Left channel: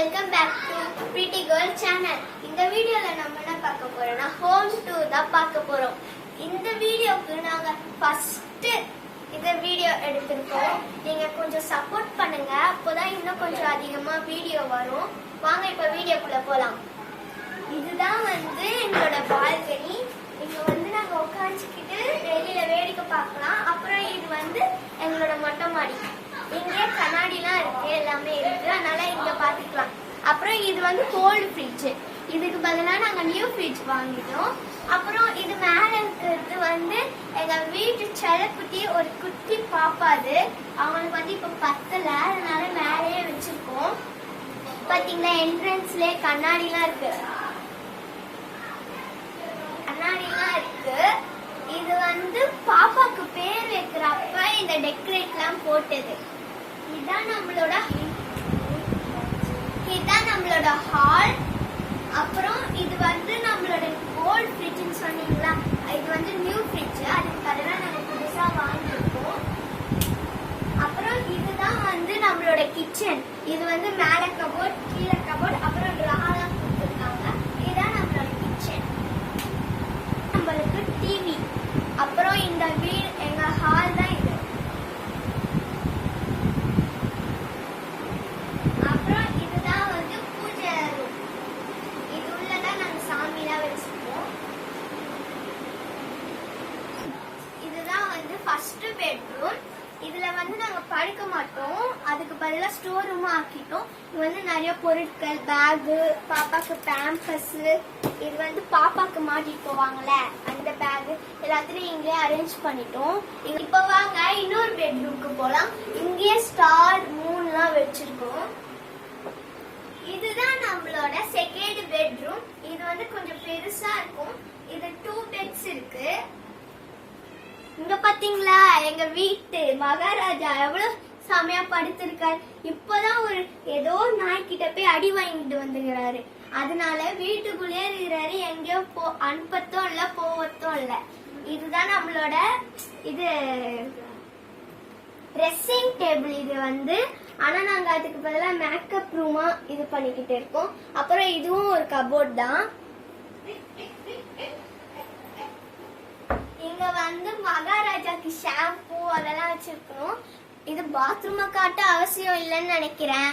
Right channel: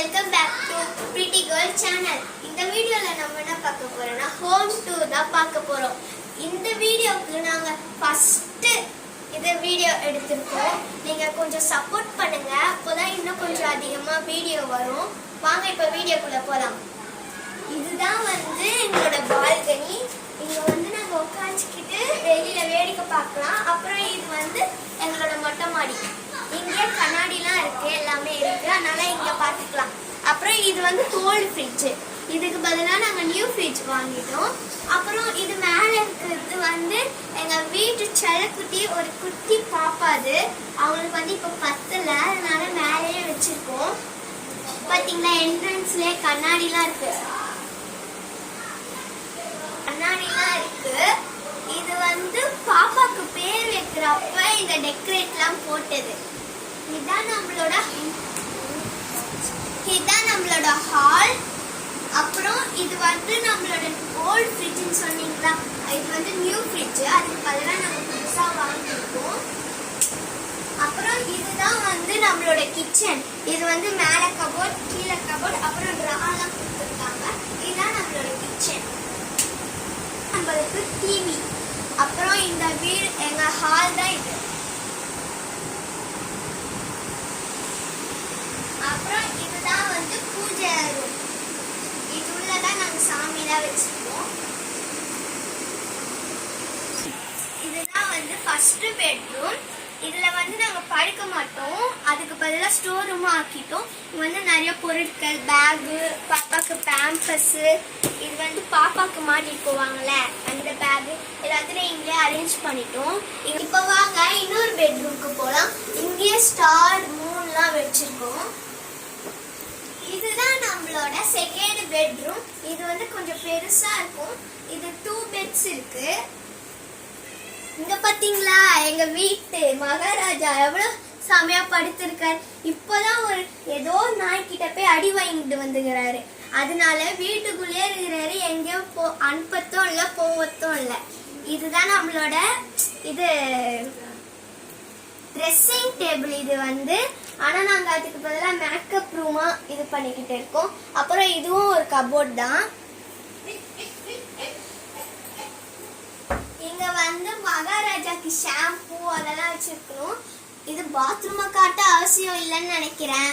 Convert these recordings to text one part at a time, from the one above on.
Welcome back to pretty girl channel. இந்த வீடியோல நம்ம என்ன பார்க்க போறோம்னா ஹோம் டூர் தான் பார்க்க போறோம். இந்த வீடியோக்கு நாங்க ஃபர்ஸ்ட் இந்த வீடியோ எடுத்திருக்கோம். நீங்க கொஞ்சம் சப்போர்ட் பண்ணுங்க, அப்போதான் இன்னும் கொஞ்சம் அதிகமா வீடியோ வரும். வாங்க இப்ப வீடியோக்குள்ள போலாம். இதுதான் எங்களோட பால்கனி. இங்க நாங்க உட்காந்துக்கிட்டு வெளியில வேடிக்கை பார்க்கலாம். அப்புறம் இது எங்களோட மொட்டை மாடி. இங்க கண்ணாடிலாம் இருக்கு, எல்லாமே இருக்கு, அதனால இங்க பாத்துக்கலாம். அப்புறம் இது கோல்டு ஃப்ரிட்ஜ். இதுக்கு பதிலா நாங்க நியூ ஃப்ரிட்ஜ் வாங்கிட்டோம். அப்புறம் இது மேல இருக்கிறது எங்க வீட்டு செல்லக்குட்டி, ஒரு குட்டி பாப்பாது. அவங்களுக்கு இப்ப பத்தல, அதனால மேலேயே வச்சிருக்கோம். பாத்தீங்களா, என்ட்ரன்ஸ்லயே கண்ணாடிலாம் இருக்கு. இது பாப்பாக்கு பேர் வைக்கிறப்ப இந்த டெக்கரேட்லாம் போட்டது. இதான் நம்மளோட ஹால். அப்புறம் இது நம்மளோட ஓல்ட் ஃப்ரிட்ஜ்னு சொன்னீங்களா, இது நியூ ஃப்ரிட்ஜ். அதுக்கு பதிலா நாங்க புதுசா வாங்கிருக்கோம். அப்புறம் இதுதான் நம்மளோட கிச்சன். இது மேல கபோர்ட், கீழே கபோர்ட், அப்புறம் ட்ராலாம் கொடுத்துருக்காங்க. இதுதான் நம்மளோட கிச்சன். நம்மளுக்கு டிவி. அப்புறம் இந்த வீடு எங்க ஹால் தான் இது. அப்புறம் இதுதான் பூஜை ரூம். இது உள்ளதான் நாங்க சாமிலாம் வச்சிருக்கோம். இதுதான் ஃபர்ஸ்ட் பெட்ரூம். இதுல நாங்க படுக்க மாட்டோம், அதுக்கு பதிலா ஸ்டோர் ரூமும் ஆக்கிட்டோம். இது நிறைய பொருட்கள், பேகு, பாப்பாக்கு பேம்பஸ், இது பாப்பாக்கு மாட்டிட்டு போவாங்கல்ல அந்த பேகு, எல்லாத்தையும் இங்கே அரேஞ்ச் பண்ணிட்டோம். இப்போ வாங்க இன்னொரு பெட்ரூமுக்கு போலாம். இங்கேயே ஸ்டார், மூன்லாம் வச்சிருக்கோம். இதுதான் நம்மளோட செகண்ட் பெட்ரூம். இது கொஞ்சம் பெருசா இருக்கும். இது 2 பெட்ஸ் இருக்கு. இங்க பாத்தீங்களா, எங்க வீட்டு மகாராஜா எவ்வளவு செமையா படுத்திருக்காரு. இப்பதான் ஏதோ நாய்கிட்ட போய் அடி வாங்கிட்டு வந்துக்கிறாரு. அதனால வீட்டுக்குள்ளே இருக்கிறாரு, எங்கேயோ அனுப்பத்தும் இல்ல, போவத்தும் இல்ல. இதுதான் நம்மளோட ட்ரெஸ்ஸிங் டேபிள். இது ஆனா நாங்க அதுக்கு பதிலா மேக்கப் ரூமா இது பண்ணிக்கிட்டு இருக்கோம். அப்புறம் இதுவும் ஒரு கபோர்ட் தான். இங்க மகாராஜாக்கு ஷாம்பூ அதெல்லாம் வச்சிருக்கணும். இது பாத்ரூமை காட்ட அவசியம் இல்லைன்னு நினைக்கிறேன்.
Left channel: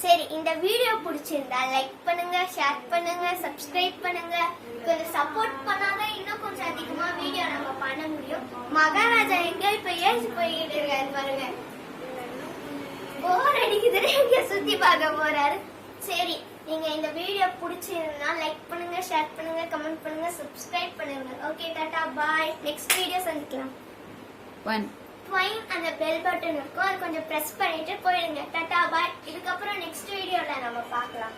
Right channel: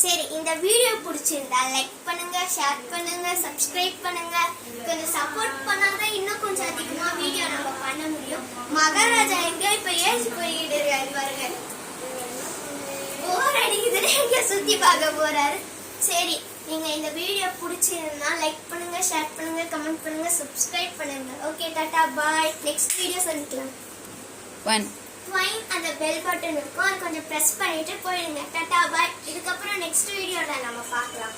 சரி, இந்த வீடியோ பிடிச்சிருந்தா லைக் பண்ணுங்க, ஷேர் பண்ணுங்க, சப்ஸ்கிரைப் பண்ணுங்க. கொஞ்சம் சப்போர்ட் பண்ணாதான் இன்னும் கொஞ்சம் அதிகமா வீடியோ நம்ம பண்ண முடியும். மகாராஜா எங்க இப்ப ஏசி போயிட்டு இருக்காரு பாருங்க. போர் அடிக்குதுன்னு எங்க சுத்தி பார்க்க போறாரு. சரி, நீங்க இந்த வீடியோ பிடிச்சிருந்தா லைக் பண்ணுங்க, ஷேர் பண்ணுங்க, கமெண்ட் பண்ணுங்க, சப்ஸ்கிரைப் பண்ணுங்க. ஓகே, டாடா, பாய். நெக்ஸ்ட் வீடியோ சந்திக்கலாம். அந்த பெல் பட்டன் இருக்கும், அது கொஞ்சம் பிரஸ் பண்ணிட்டு போயிடுங்க. டாடா, பாய். இதுக்கப்புறம் நெக்ஸ்ட் வீடியோல நம்ம பார்க்கலாம்.